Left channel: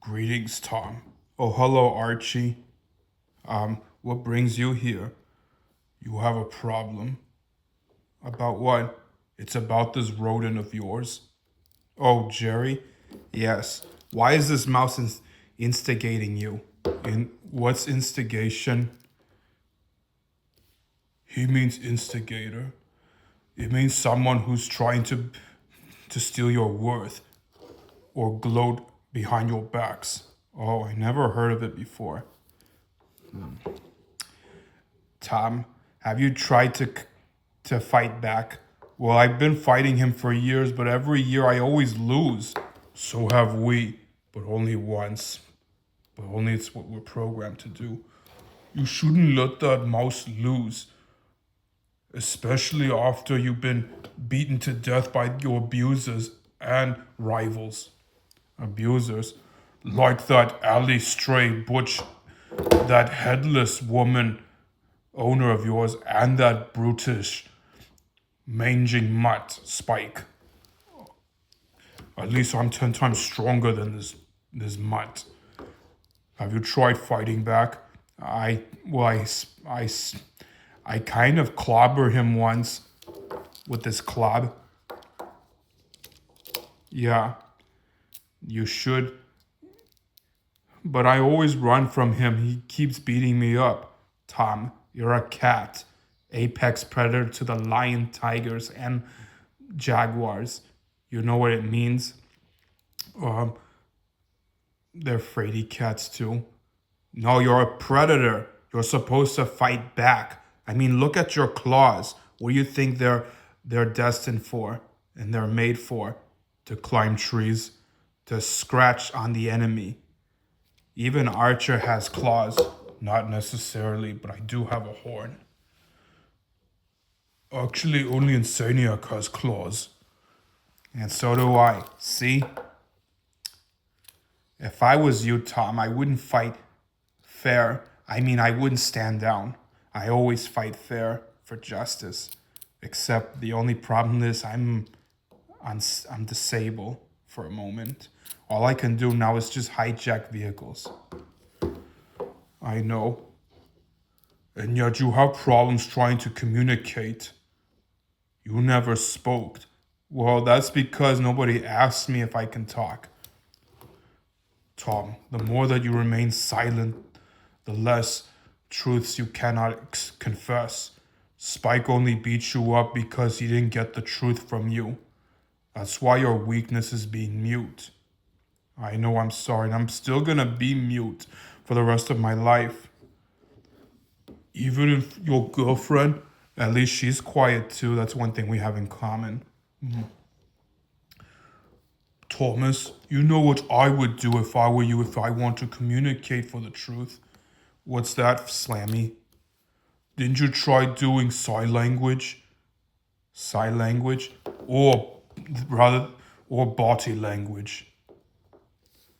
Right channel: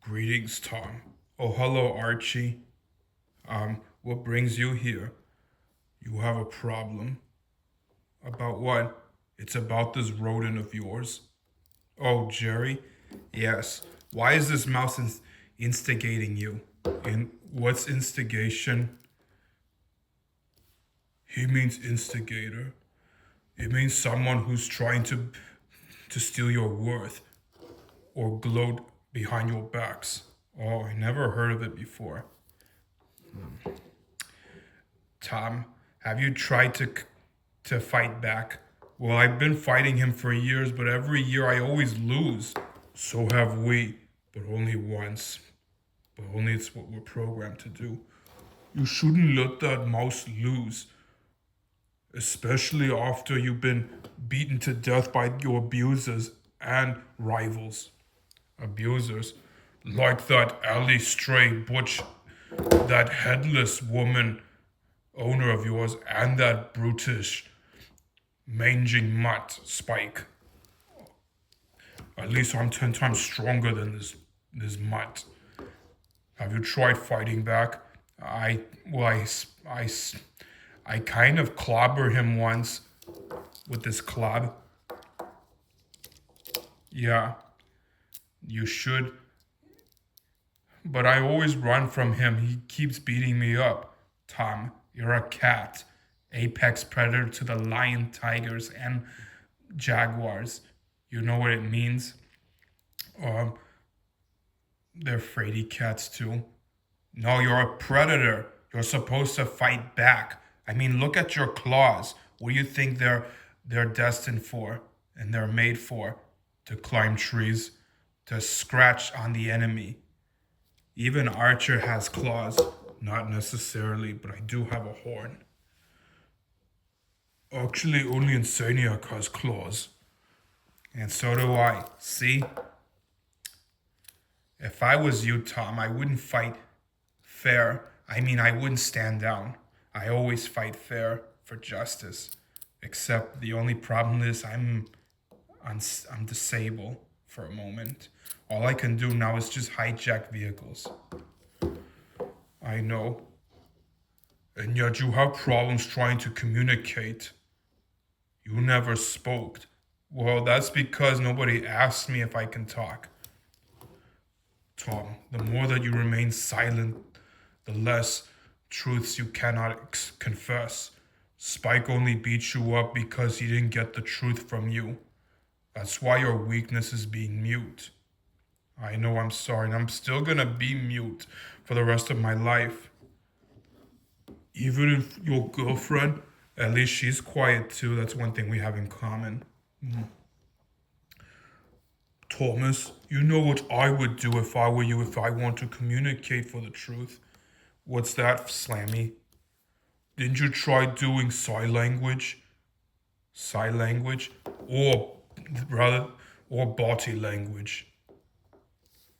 Greetings, Tom. Oh, hello, Archie. What brings you here? You have a problem. About what? It's about this rodent of yours. Oh, Jerry? Yes. Why is this mouse instigating you? In what's instigation? He means instigator. It means someone who's trying to steal your worth or gloat behind your backs. Oh, I never heard of it before. Tom, have you tried to fight back? Well, I've been fighting him for years, but every year I always lose. So have we, but only once. But only it's what we're programmed to do. You shouldn't let that mouse lose, especially after you've been beaten to death by your abusers and rivals. Abusers, like that alley stray butch, that headless woman owner of yours, and that brutish, manging mutt, Spike. At least I'm 10 times stronger than this mutt. Have you tried fighting back? Well, I kind of clobbered him once with this club. Yeah, you should. But I always run from him. He keeps beating me up. Tom, you're a cat. Apex predator to the lion, tigers, and jaguars. You know what it means? Um, they're fraidy cats too. No, you're a predator. You're supposed to fight back. I mean, look at your claws. What do you think they're destined for and they're made for? To climb trees, to scratch on the enemy. Even Archer has claws. Not necessarily, but I do have a horn. Actually, only Insaniac has claws. And so do I. See? If I was you, Tom, I wouldn't fight fair. I mean, I wouldn't stand down. I always fight fair for justice. Except the only problem is I'm disabled for a moment. All I can do now is just hijack vehicles. I know. And yet you have problems trying to communicate. You never spoke. Well, that's because nobody asked me if I can talk. Tom, the more that you remain silent, the less truths you cannot confess. Spike only beat you up because he didn't get the truth from you. That's why your weakness is being mute. I know I'm sorry, and I'm still gonna be mute for the rest of my life. Even if your girlfriend, at least she's quiet too. That's one thing we have in common. Thomas, you know what I would do if I were you if I want to communicate for the truth. What's that, Slammy? Didn't you try doing sign language? Sign language? Or rather, or body language?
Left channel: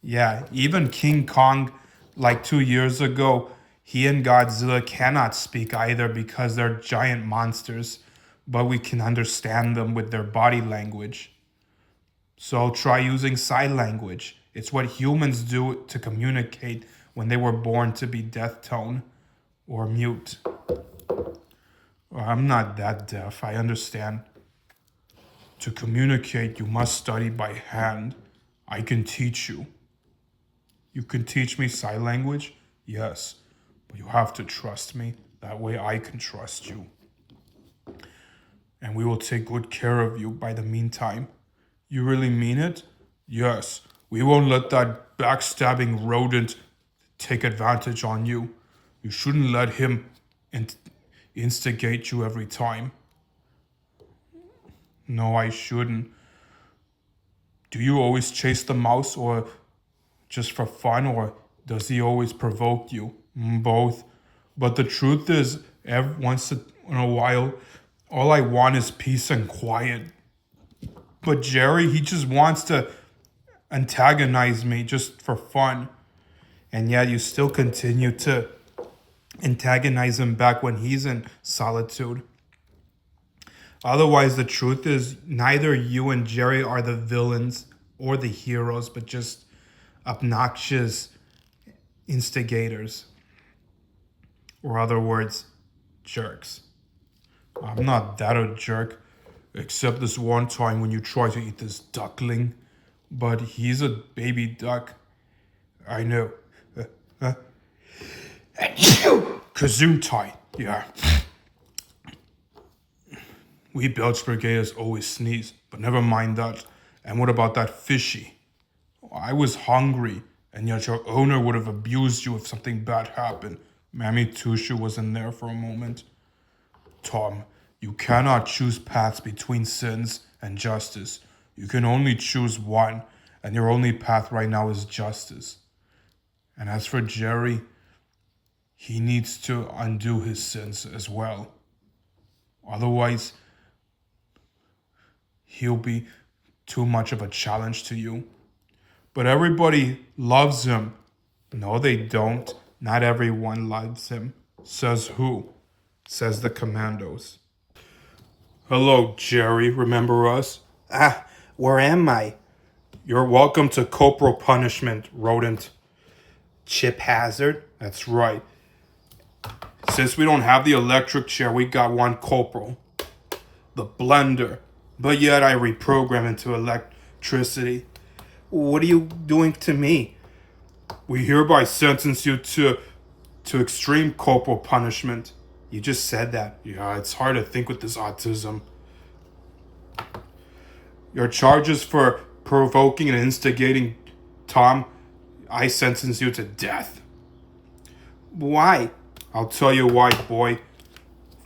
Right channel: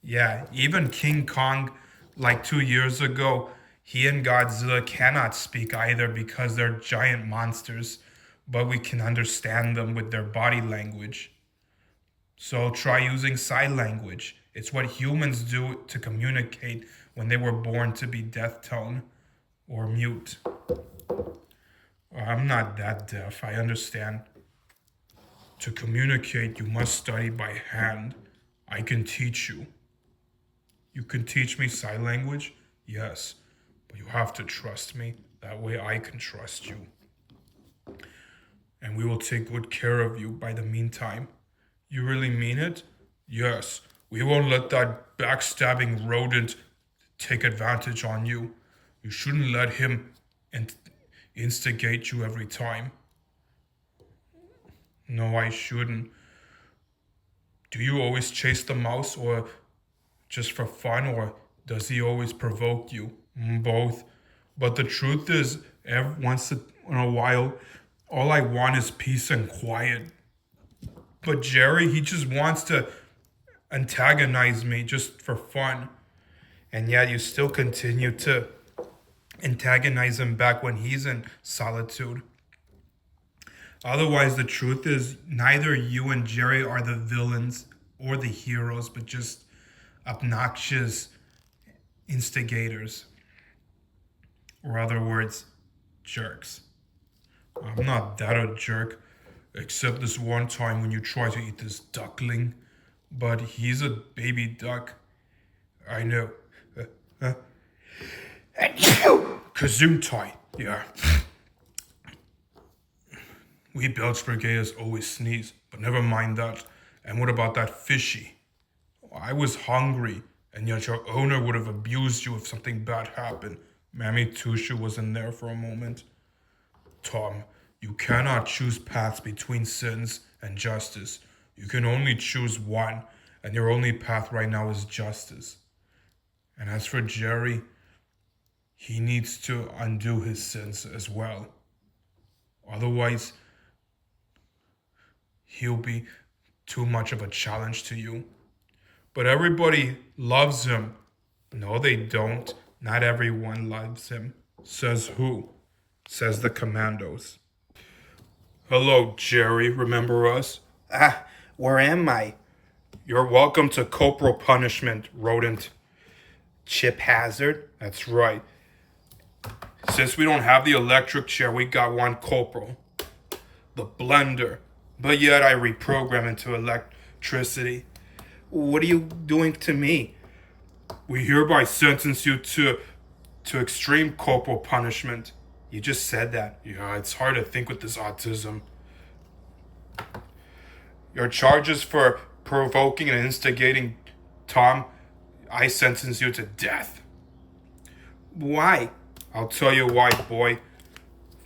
Yeah, even King Kong, like 2 years ago, he and Godzilla cannot speak either because they're giant monsters, but we can understand them with their body language. So try using sign language. It's what humans do to communicate when they were born to be deaf tone or mute. Well, I'm not that deaf, I understand. To communicate, you must study by hand. I can teach you. You can teach me sign language? Yes, but you have to trust me. That way I can trust you. And we will take good care of you by the meantime. You really mean it? Yes, we won't let that backstabbing rodent take advantage on you. You shouldn't let him instigate you every time. No, I shouldn't. Do you always chase the mouse or just for fun, or does he always provoke you? Both. But the truth is, once in a while, all I want is peace and quiet. But Jerry, he just wants to antagonize me just for fun. And yet you still continue to antagonize him back when he's in solitude. Otherwise, the truth is, neither you and Jerry are the villains or the heroes, but just obnoxious instigators. Or other words, jerks. I'm not that a jerk, except this one time when you tried to eat this duckling. But he's a baby duck. I know. Huh? Gesundheit, yeah. We Belch Brigaders always sneeze, but never mind that. And what about that fishy? I was hungry, and yet your owner would have abused you if something bad happened. Mammy Tushu was in there for a moment. Tom, you cannot choose paths between sins and justice. You can only choose one, and your only path right now is justice. And as for Jerry, he needs to undo his sins as well. Otherwise, he'll be too much of a challenge to you. But everybody loves him. No, they don't. Not everyone loves him. Says who? Says the commandos. Hello, Jerry. Remember us? Where am I? You're welcome to corporal punishment, rodent. Chip Hazard? That's right. Since we don't have the electric chair, we got one corporal. The blender. But yet I reprogram into electricity. What are you doing to me? We hereby sentence you to extreme corporal punishment. You just said that. Yeah, it's hard to think with this autism. Your charges for provoking and instigating Tom, I sentence you to death. Why? I'll tell you why, boy.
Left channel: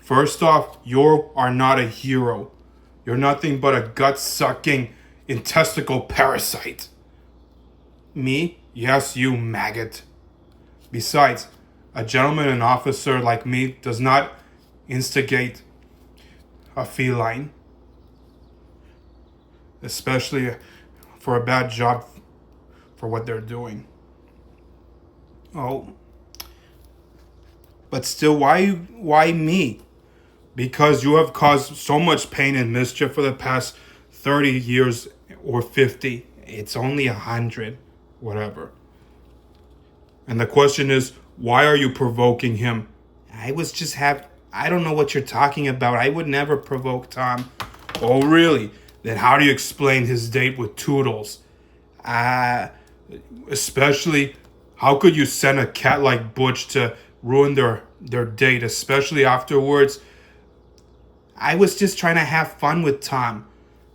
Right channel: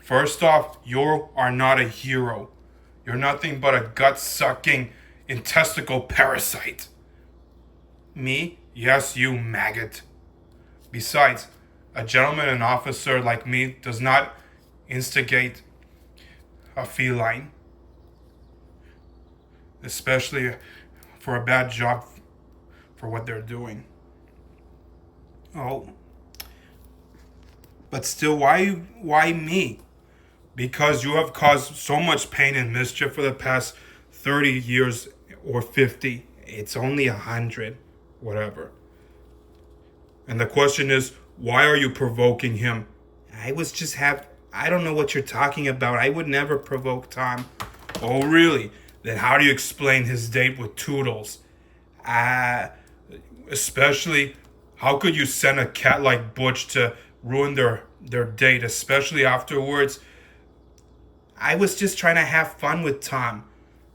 First off, you are not a hero. You're nothing but a gut-sucking intesticle parasite. Me? Yes, you maggot. Besides, a gentleman and officer like me does not instigate a feline. Especially for a bad job for what they're doing. Oh. But still, why me? Because you have caused so much pain and mischief for the past 30 years or 50. It's only 100. Whatever. And the question is, why are you provoking him? I don't know what you're talking about. I would never provoke Tom. Oh, really? Then how do you explain his date with Toodles? Especially, how could you send a cat like Butch to ruin their date, especially afterwards? I was just trying to have fun with Tom.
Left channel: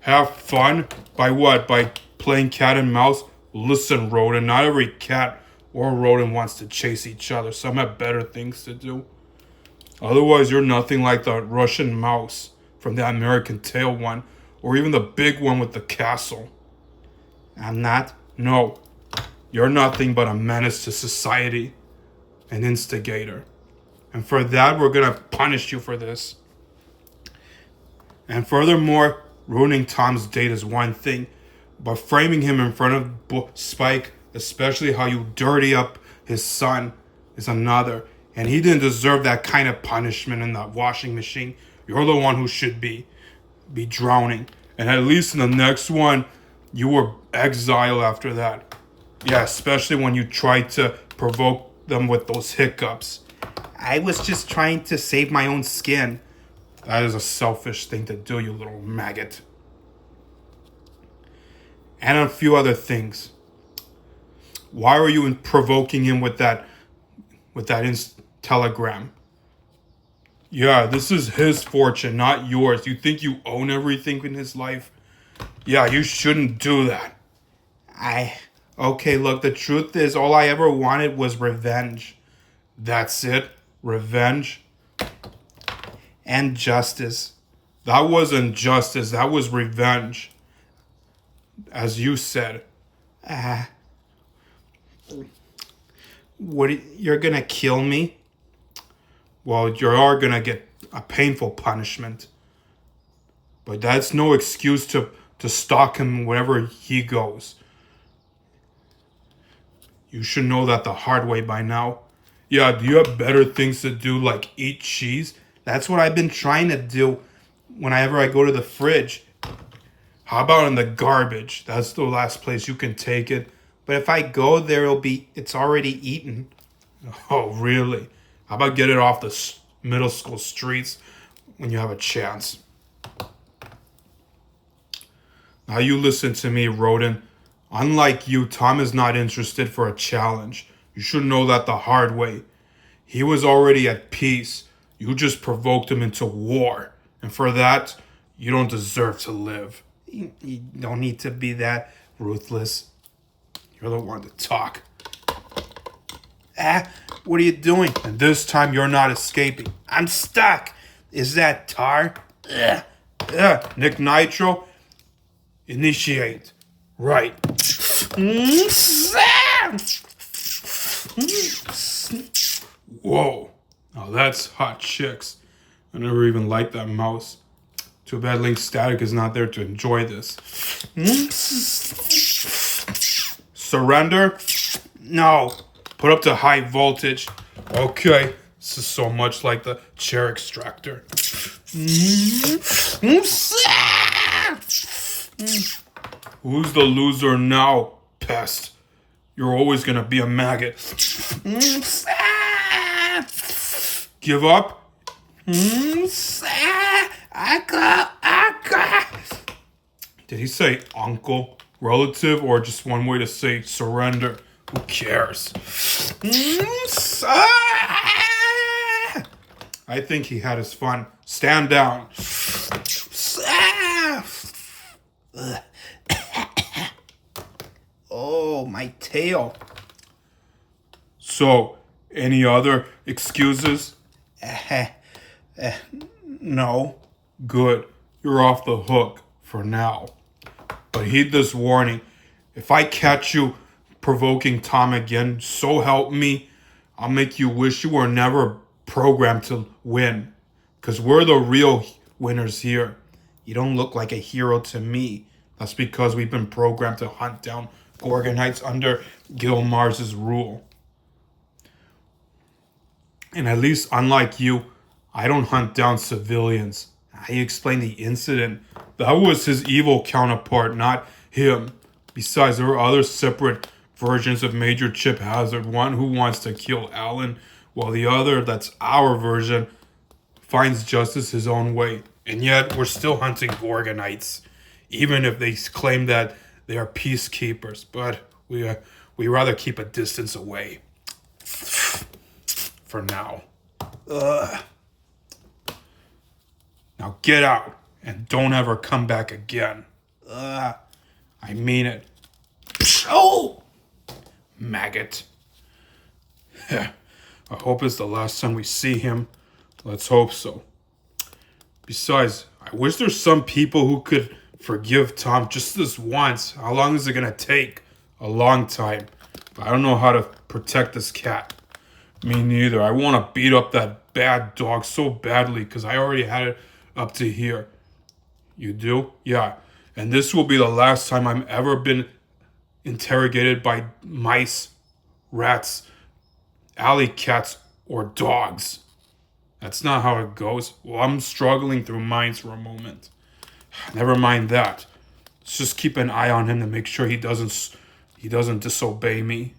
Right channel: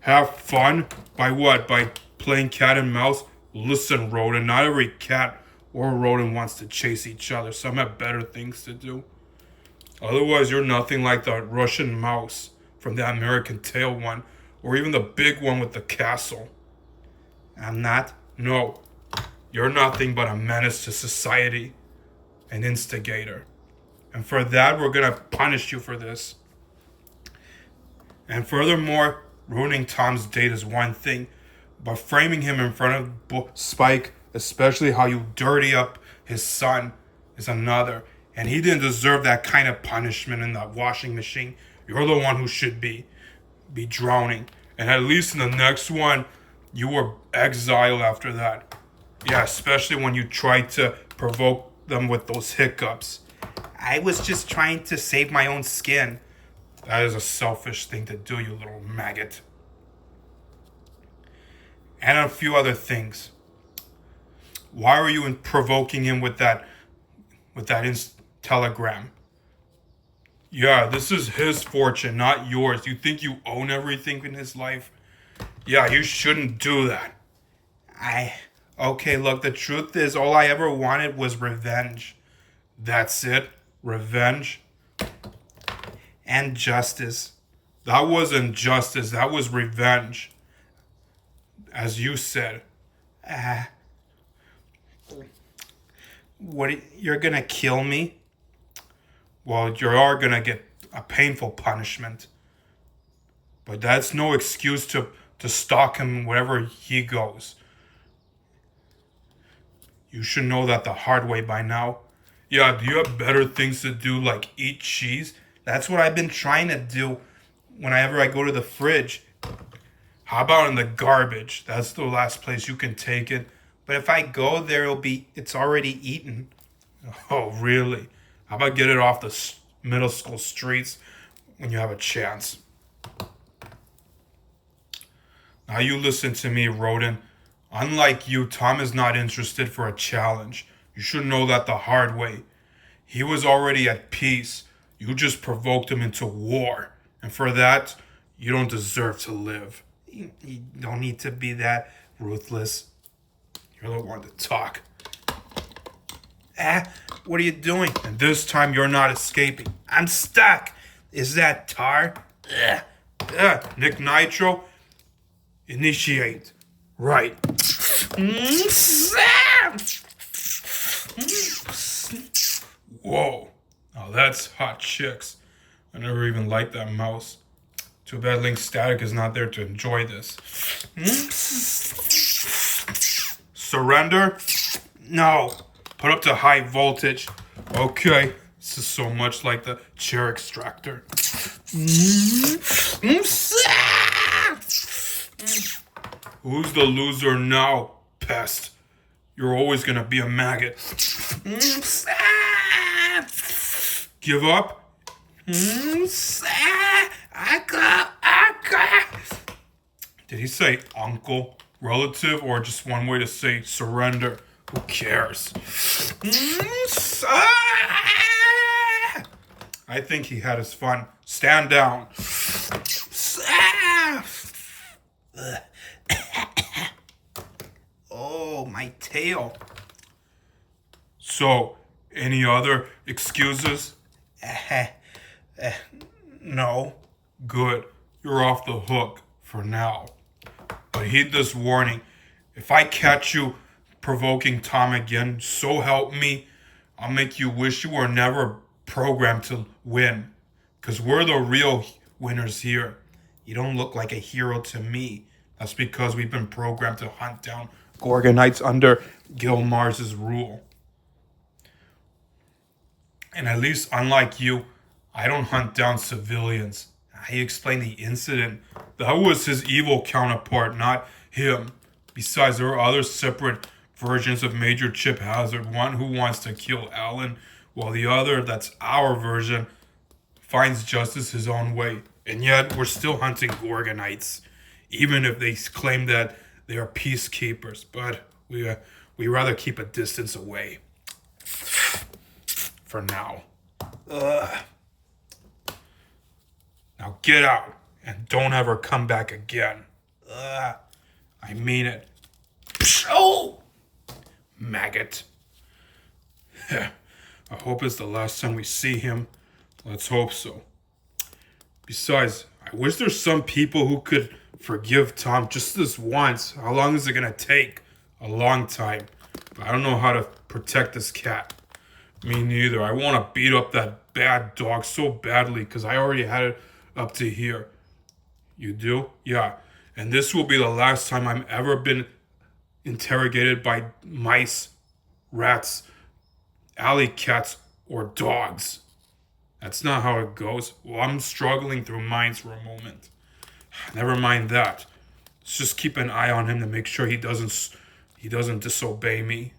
Have fun? By what? By playing cat and mouse? Listen, rodent, not every cat or rodent wants to chase each other. Some have better things to do. Otherwise, you're nothing like the Russian mouse from the American Tail one, or even the big one with the castle. I'm not? No. You're nothing but a menace to society, an instigator. And for that, we're gonna punish you for this. And furthermore, ruining Tom's date is one thing, but framing him in front of Spike, especially how you dirty up his son, is another. And he didn't deserve that kind of punishment in the washing machine. You're the one who should be drowning. And at least in the next one, you were exiled after that. Yeah, especially when you tried to provoke them with those hiccups. I was just trying to save my own skin. That is a selfish thing to do, you little maggot. And a few other things. Why were you provoking him with that telegram? Yeah, this is his fortune, not yours. You think you own everything in his life? Yeah, you shouldn't do that. Okay, look, the truth is all I ever wanted was revenge. That's it? Revenge? And justice. That wasn't justice, that was revenge. As you said. You're gonna kill me? Well, you are gonna get a painful punishment. But that's no excuse to stalk him wherever he goes. You should know that the hard way by now. Yeah, do you have better things to do like eat cheese? That's what I've been trying to do. whenever I go to the fridge. How about in the garbage? That's the last place you can take it. But if I go there, it's already eaten. Oh, really? How about get it off the middle school streets when you have a chance? Now you listen to me, rodent. Unlike you, Tom is not interested for a challenge. You should know that the hard way. He was already at peace. You just provoked him into war. And for that, you don't deserve to live. You don't need to be that ruthless. You're the one to talk. What are you doing? And this time you're not escaping. I'm stuck. Is that tar? Nick Nitro, initiate. Right. Whoa. Now that's hot chicks. I never even liked that mouse. Too bad Link Static is not there to enjoy this. Surrender? No. Put up to high voltage. Okay. This is so much like the chair extractor. Who's the loser now, pest? You're always gonna be a maggot. Give up? Did he say uncle, relative, or just one way to say surrender? Who cares? I think he had his fun. Stand down. Oh, my tail. So, any other excuses? No. Good. You're off the hook for now. But heed this warning. If I catch you provoking Tom again, so help me, I'll make you wish you were never programmed to win. Because we're the real winners here. You don't look like a hero to me. That's because we've been programmed to hunt down gorgonites under Gil Mars's rule. And at least, unlike you, I don't hunt down civilians. He explained the incident. That was his evil counterpart, not him. Besides, there are other separate versions of Major Chip Hazard. One who wants to kill Alan, while the other, that's our version, finds justice his own way. And yet, we're still hunting gorgonites, even if they claim that they are peacekeepers. But we rather keep a distance away. For now. Now get out and don't ever come back again. I mean it. Oh! Maggot. I hope it's the last time we see him. Let's hope so. Besides, I wish there's some people who could forgive Tom just this once. How long is it gonna take? A long time. But I don't know how to protect this cat. Me neither. I want to beat up that bad dog so badly because I already had it up to here. You do? Yeah. And this will be the last time I'm ever been interrogated by mice, rats, alley cats, or dogs. That's not how it goes. Well, I'm struggling through mines for a moment. Never mind that. Let's just keep an eye on him to make sure he doesn't disobey me.